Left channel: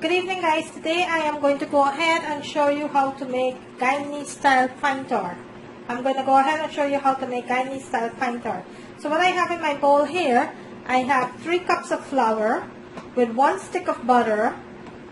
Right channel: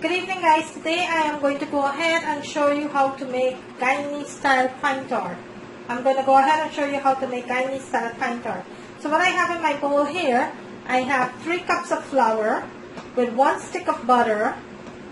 Good evening guys, today I am going to go ahead and show you how to make Guyanese style pine tart. I'm going to go ahead and show you how to make Guyanese style pine tart. So what I have in my bowl here, I have 3 cups of flour with 1 stick of butter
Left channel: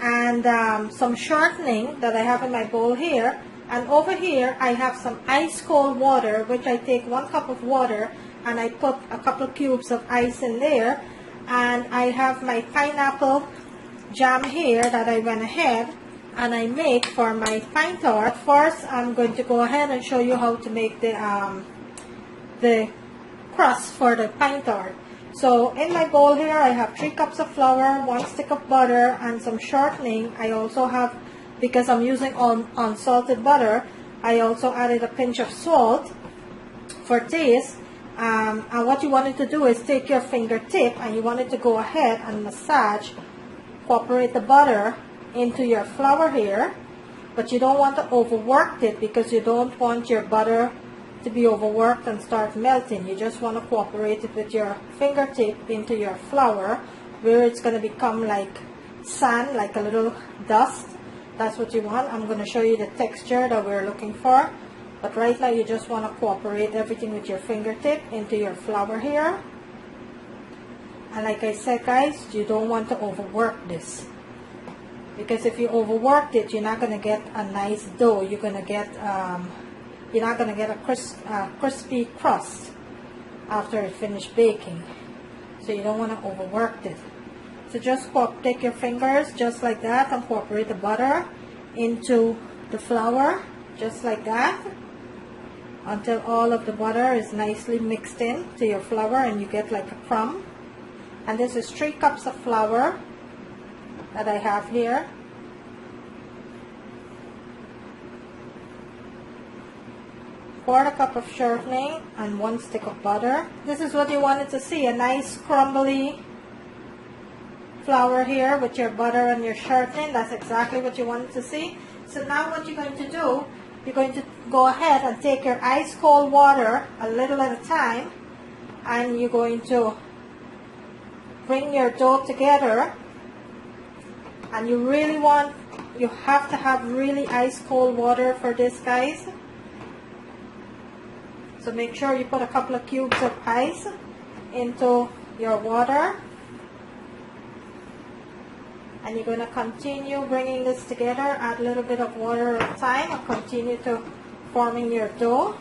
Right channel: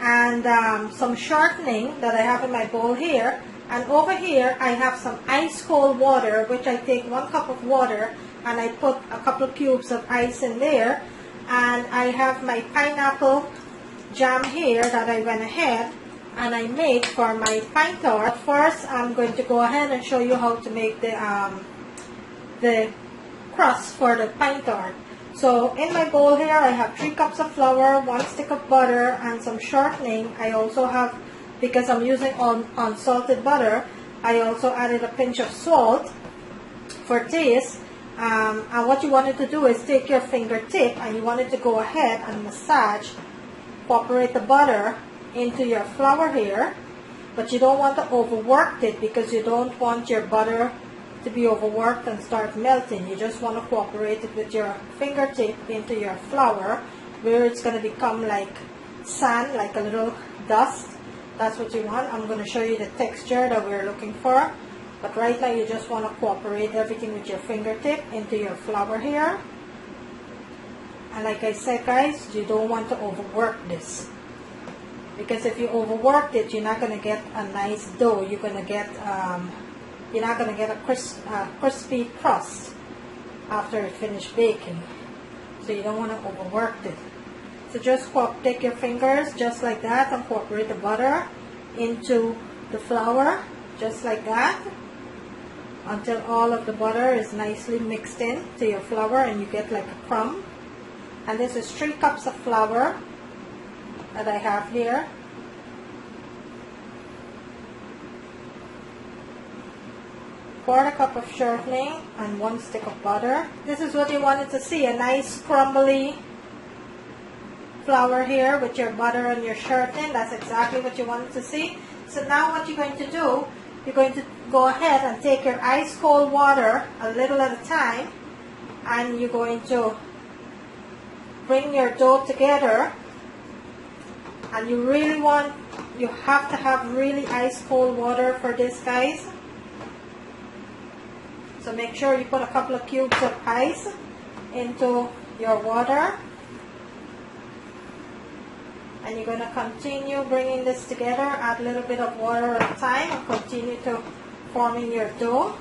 and some shortening that I have in my bowl here. And over here I have some ice cold water, which I take 1 cup of water and I put a couple of cubes of ice in there. And I have my pineapple jam here that I went ahead and I made for my pine tart. First, I'm going to go ahead and show you how to make the crust for the pine tart. So in my bowl here, I have 3 cups of flour, 1 stick of butter, and some shortening. I also have, because I'm using unsalted butter, I also added a pinch of salt for taste. And what you wanted to do is take your fingertip and you wanted to go ahead and massage, incorporate the butter into your flour here, but you don't want to overwork it because you don't want your butter to be overworked and start melting. You just want to incorporate it with your fingertip into your flour where it's going to become like sand, like a little dust. That's what you want. I'm going to show you the texture that we're looking for, but right now you just want to incorporate everything with your fingertip into your flour here. And like I said guys, you don't want to overwork this, because if you overwork it, you're not going to get a nice dough. You're going to get you're not going to get a crispy crust after it finished baking. So you don't want to overwork it. So just take your fingers just like that and incorporate the butter into the flour just like that until all of the butter is nicely mixed in to your flour and you get like a crumb. And this is 3 cups of flour that I have here. Quarter cup of shortening and 1 stick of butter. This is what you wanted to see, a nice crumbly flour here with your butter and your shortening. That's exactly what you wanted to see. So now what you're going to do, you're going to go ahead and take your ice cold water a little at a time, and you're going to bring your dough together. And you have to have really ice cold water for this guys. So make sure you put a couple of cubes of ice into your water. And you're going to continue bringing this together, add a little bit of water at a time, and continue to forming your dough.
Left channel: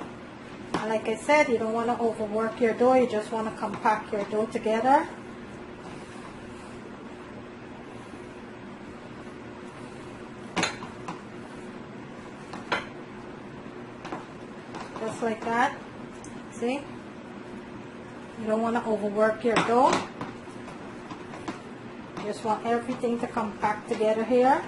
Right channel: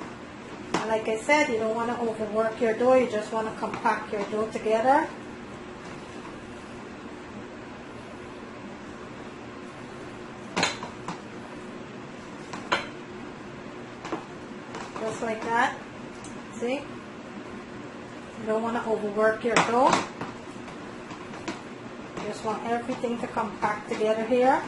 And like I said, you don't want to overwork your dough, you just want to compact your dough together. Just like that. See? You don't want to overwork your dough. You just want everything to compact together here.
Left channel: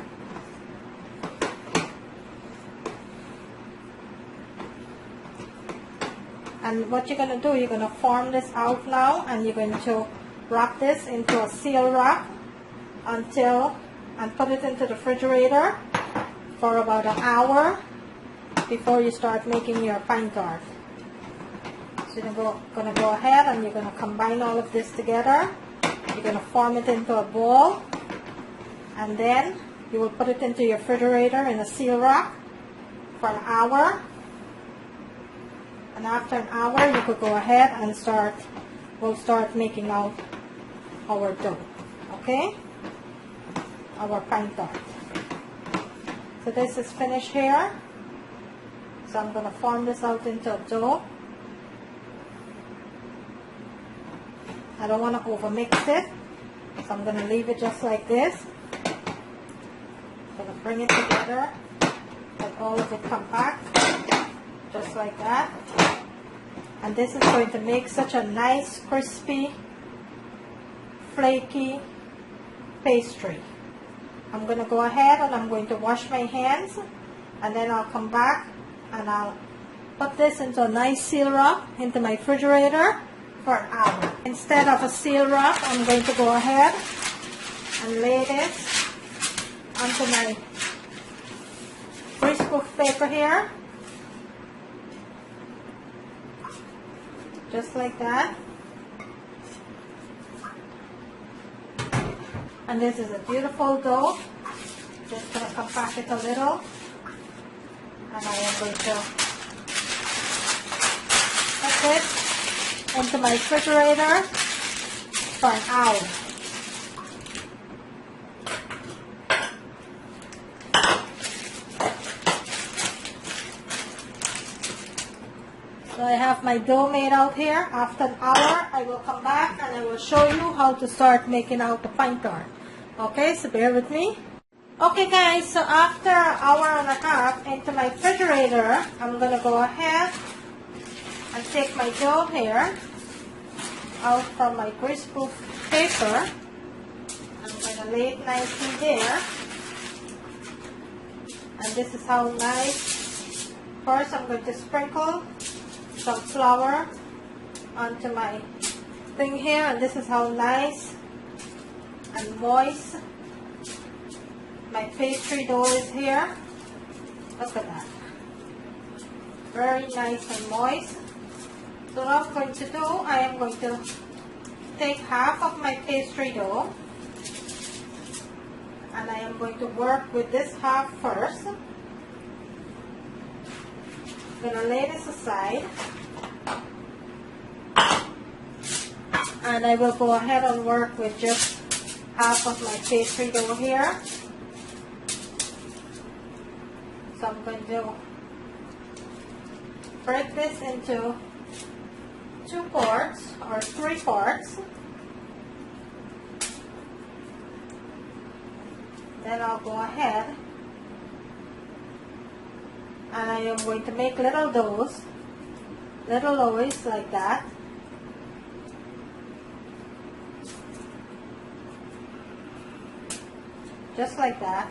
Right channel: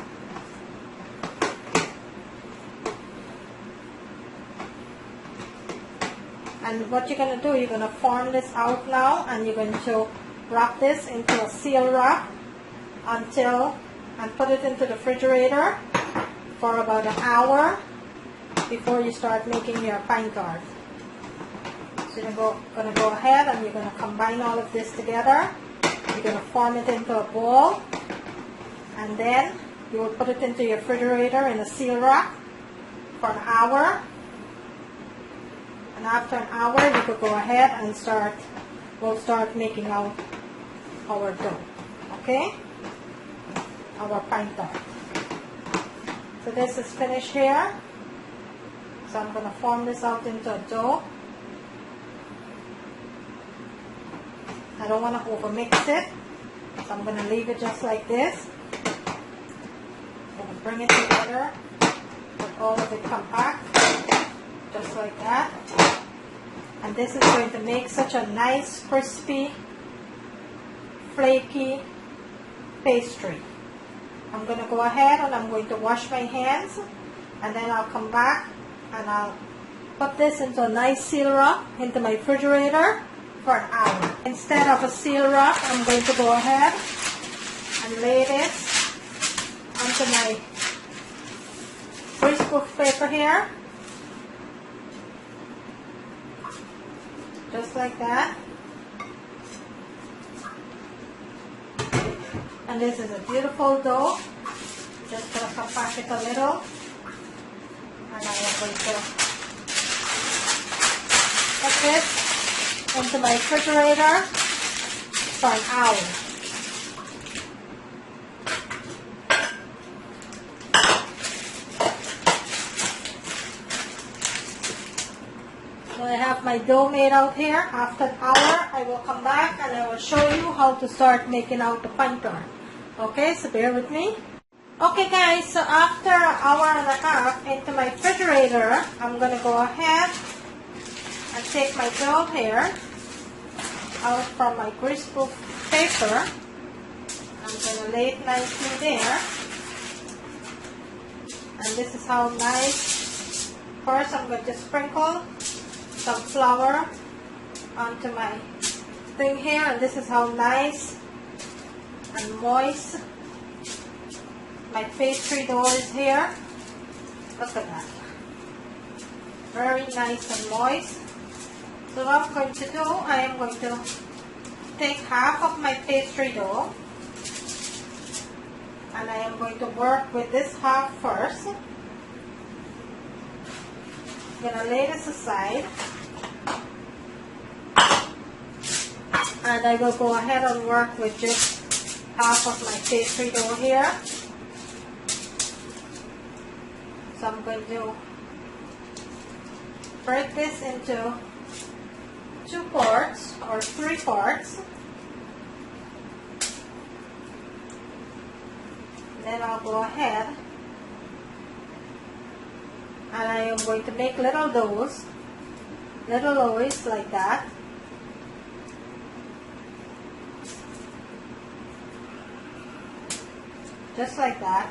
And what you're going to do, you're going to form this out now, and you're going to wrap this into a seal wrap and put it into the refrigerator for about an hour before you start making your pine tart. So you're going to go ahead and you're going to combine all of this together. You're going to form it into a bowl, and then you will put it into your refrigerator in a seal wrap for an hour. And after an hour, you could go ahead and we'll start making out our dough. Okay? Our pine tart. So this is finished here. So I'm going to form this out into a dough. I don't want to overmix it, so I'm going to leave it just like this. I'm going to bring it together with all of it compact, just like that. And this is going to make such a nice, crispy, flaky pastry. I'm going to go ahead and I'm going to wash my hands, and then I'll come back and I'll put this into a nice seal wrap into my refrigerator for an hour. Instead of a seal wrap, I'm going to go ahead and lay this onto my greaseproof paper here, just like that. And this is a beautiful dough. pack it a little, and I am going to put this into my refrigerator for an hour. So I have my dough made out here. After an hour, I will come back and I will show you how to start making out the fine tart. Okay, so bear with me. Okay guys, so after an hour and a half into my refrigerator, I'm going to go ahead and take my dough here out from my greaseproof paper. I'm going to lay it nicely there. And this is how nice. First, I'm going to sprinkle some flour onto my thing here, and this is how nice and moist my pastry dough is here. Look at that. Very nice and moist. So what I'm going to do, I am going to take half of my pastry dough and I am going to work with this half first. I'm going to lay this aside and I will go ahead and work with just half of my pastry dough here. So I'm going to break this into 2 parts or 3 parts. Then I'll go ahead and I am going to make little doughs like that. Just like that.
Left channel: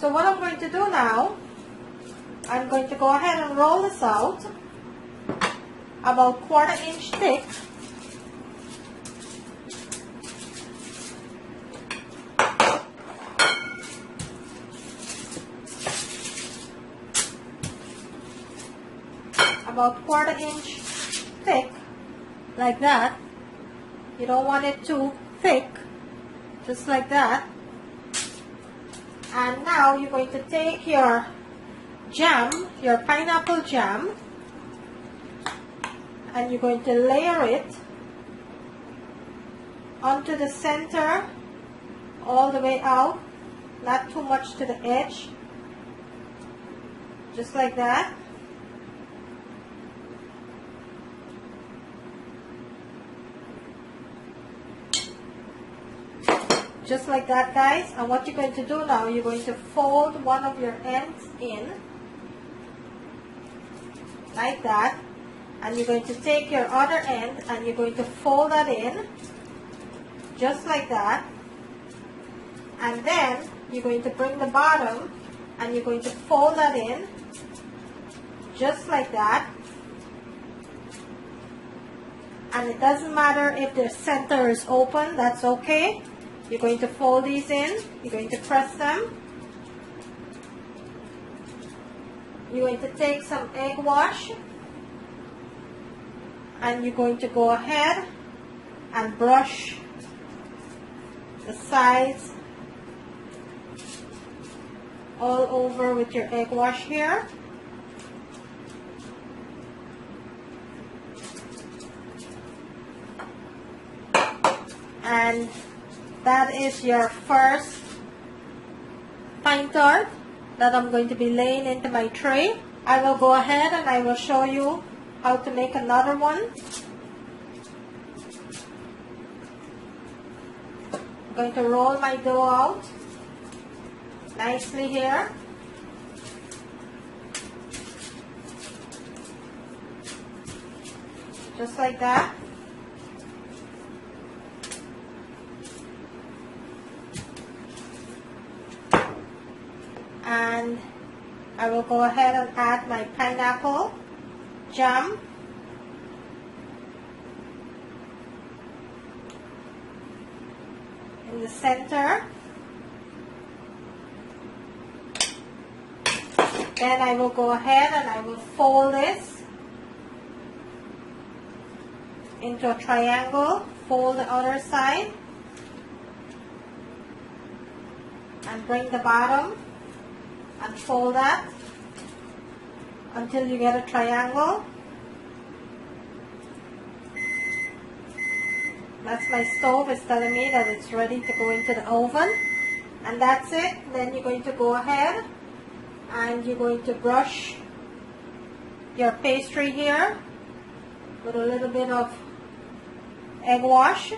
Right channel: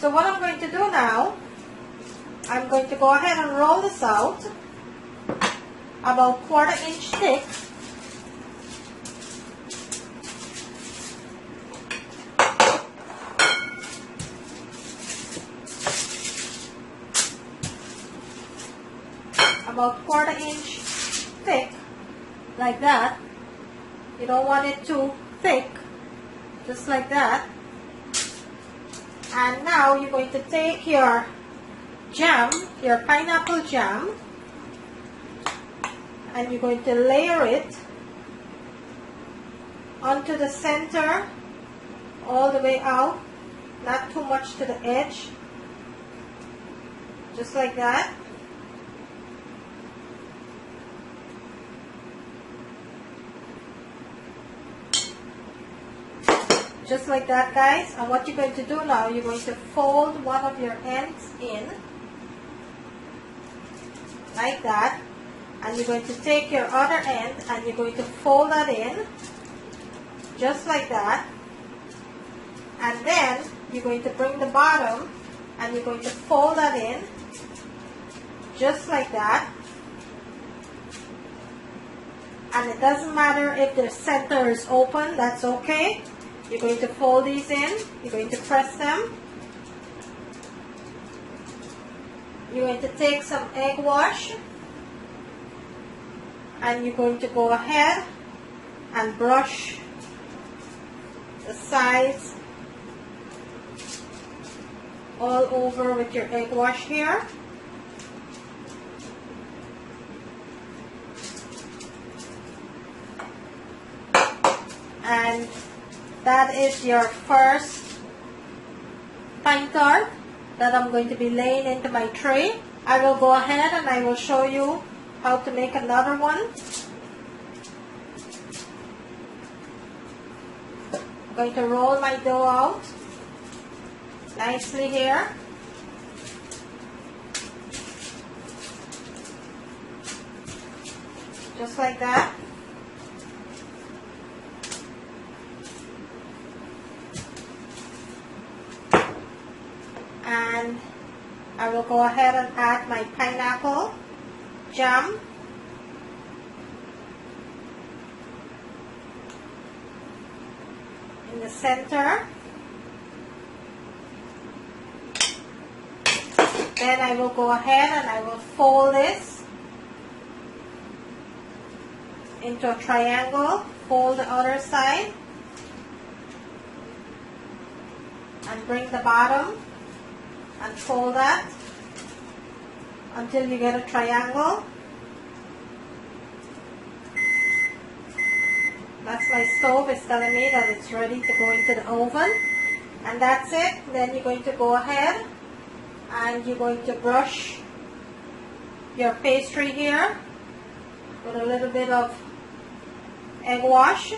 So what I'm going to do now, I'm going to go ahead and roll this out about 1/4 inch thick. About 1/4 inch thick, like that. You don't want it too thick, just like that. And now you're going to take your jam, your pineapple jam, and you're going to layer it onto the center all the way out, not too much to the edge, just like that. Just like that, guys. And what you're going to do now, you're going to fold one of your ends in, like that. And you're going to take your other end and you're going to fold that in, just like that. And then you're going to bring the bottom and you're going to fold that in, just like that. And it doesn't matter if the center is open, that's okay. You're going to fold these in, you're going to press them. You're going to take some egg wash and you're going to go ahead and brush the sides all over with your egg wash here. And that is your first fine tart that I'm going to be laying into my tray. I will go ahead and I will show you how to make another one. I'm going to roll my dough out nicely here. Just like that. And I will go ahead and add my pineapple jam. In the center. Then I will go ahead and I will fold this into a triangle. Fold the other side. and bring the bottom and fold that until you get a triangle. That's my stove. It's telling me that it's ready to go into the oven. And that's it. Then you're going to go ahead and you're going to brush your pastry here with a little bit of egg wash.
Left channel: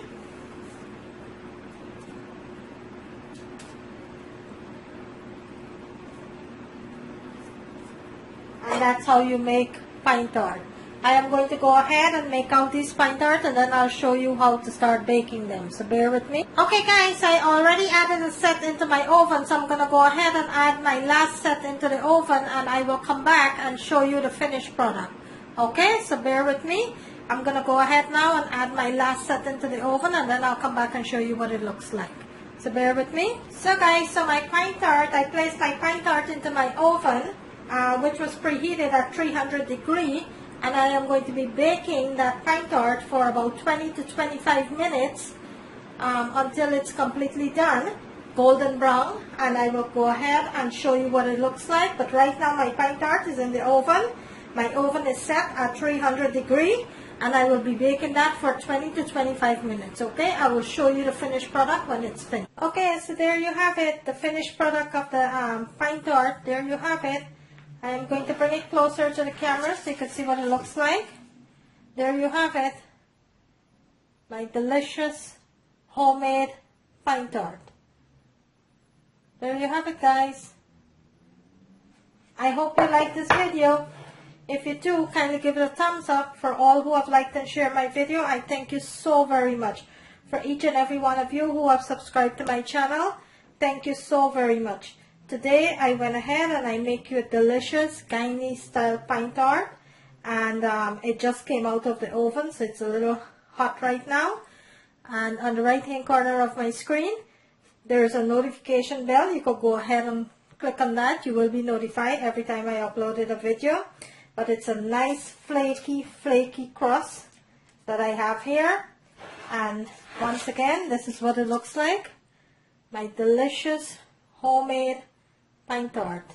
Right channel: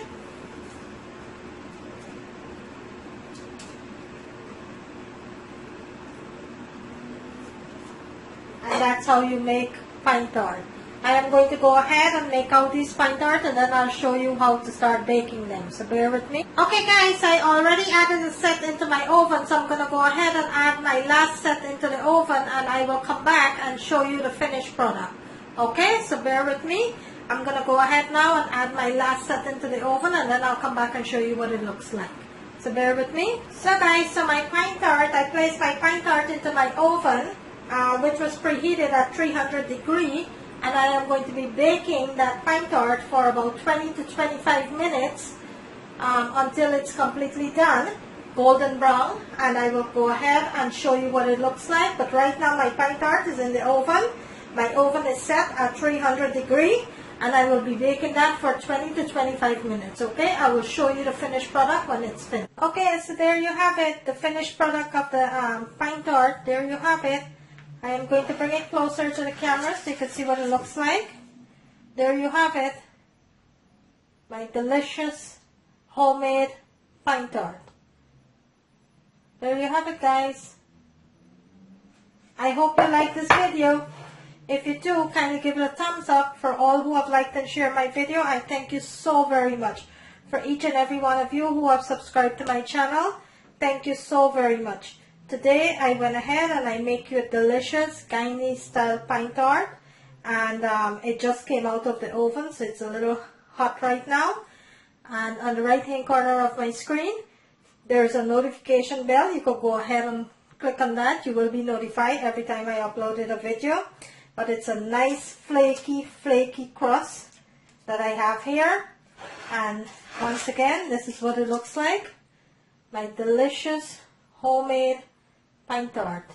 And that's how you make pine tart. I am going to go ahead and make out these pine tart, and then I'll show you how to start baking them. So bear with me. Okay guys, I already added a set into my oven, so I'm going to go ahead and add my last set into the oven, and I will come back and show you the finished product. Okay, so bear with me. I'm going to go ahead now and add my last set into the oven, and then I'll come back and show you what it looks like. So bear with me. So guys, so my pine tart, I placed my pine tart into my oven, which was preheated at 300 degrees. And I am going to be baking that pine tart for about 20 to 25 minutes until it's completely done, golden brown, and I will go ahead and show you what it looks like. But right now my pine tart is in the oven. My oven is set at 300 degrees, and I will be baking that for 20 to 25 minutes, okay? I will show you the finished product when it's finished. Okay, so there you have it, the finished product of the pine tart. There you have it. I am going to bring it closer to the camera so you can see what it looks like. There you have it. My delicious homemade pine tart. There you have it, guys. I hope you like this video. If you do, kindly give it a thumbs up. For all who have liked and shared my video, I thank you so very much. For each and every one of you who have subscribed to my channel, thank you so very much. Today I went ahead and I make you a delicious Guyanese style pine tart, and it just came out of the oven, so it's a little hot right now. And on the right hand corner of my screen there's a notification bell. You could go ahead and click on that. You will be notified every time I uploaded a video. But it's a nice flaky crust that I have here, and once again, this is what it looks like. My delicious homemade pine tart.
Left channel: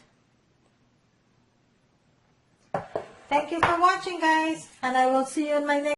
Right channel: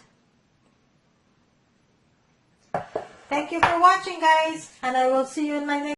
Thank you for watching, guys, and I will see you in my next